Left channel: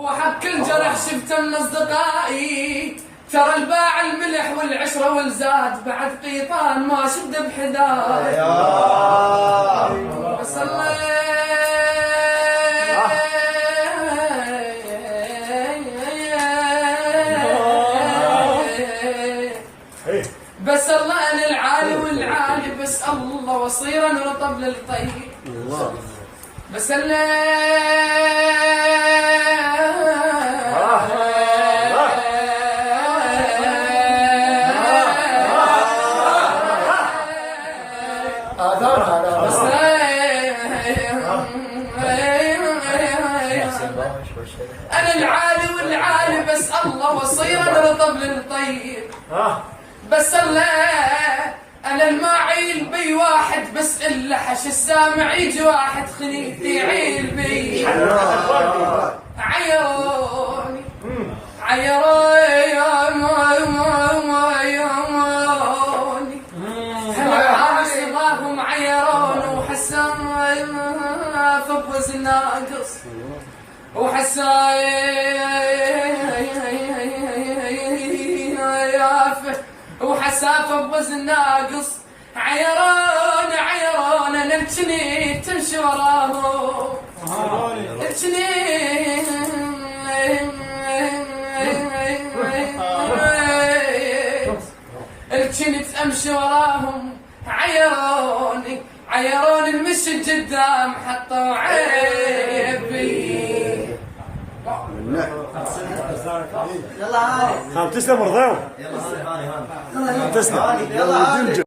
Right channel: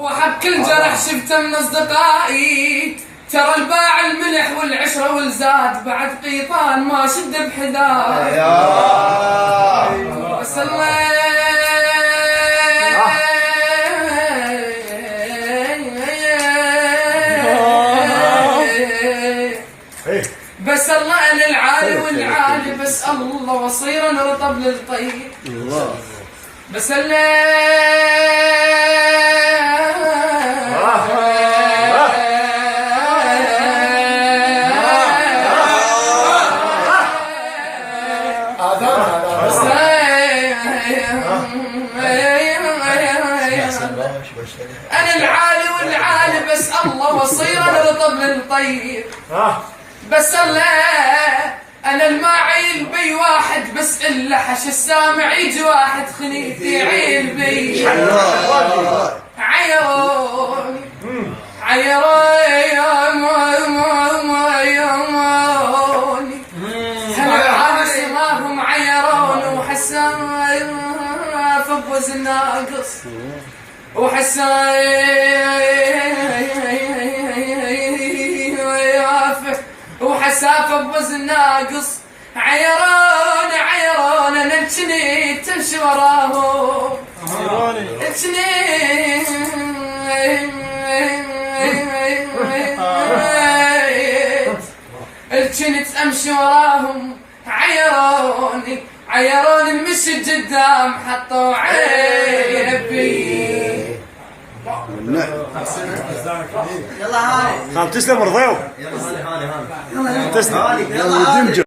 وحب كل جرح شفته من اصدقائي، ترى الباع الملح والعشره والزاد بعد قيطان ما شد بحذاي. بس بس الله انا العالي والعالي، بس الله وصير انا رطب للطيب. بس انا العالي والعالي، بس الله وصير انا رطب للطيب. بس الله انا الماعيل بي واحد، بس الا حش السامع يجي واحد خنيتي يعيل بي. عيروني عيروني هم عيروني وحسان فبوز الناقص، وحسافه بوزن ناقص. عيران عيران انا الجني تمشي وراهم، الجني الجني تمشي وراهم. عيروني عيروني المشي قدام حطوا عيبي. يلا هاني تسلم رضيو. تسلم.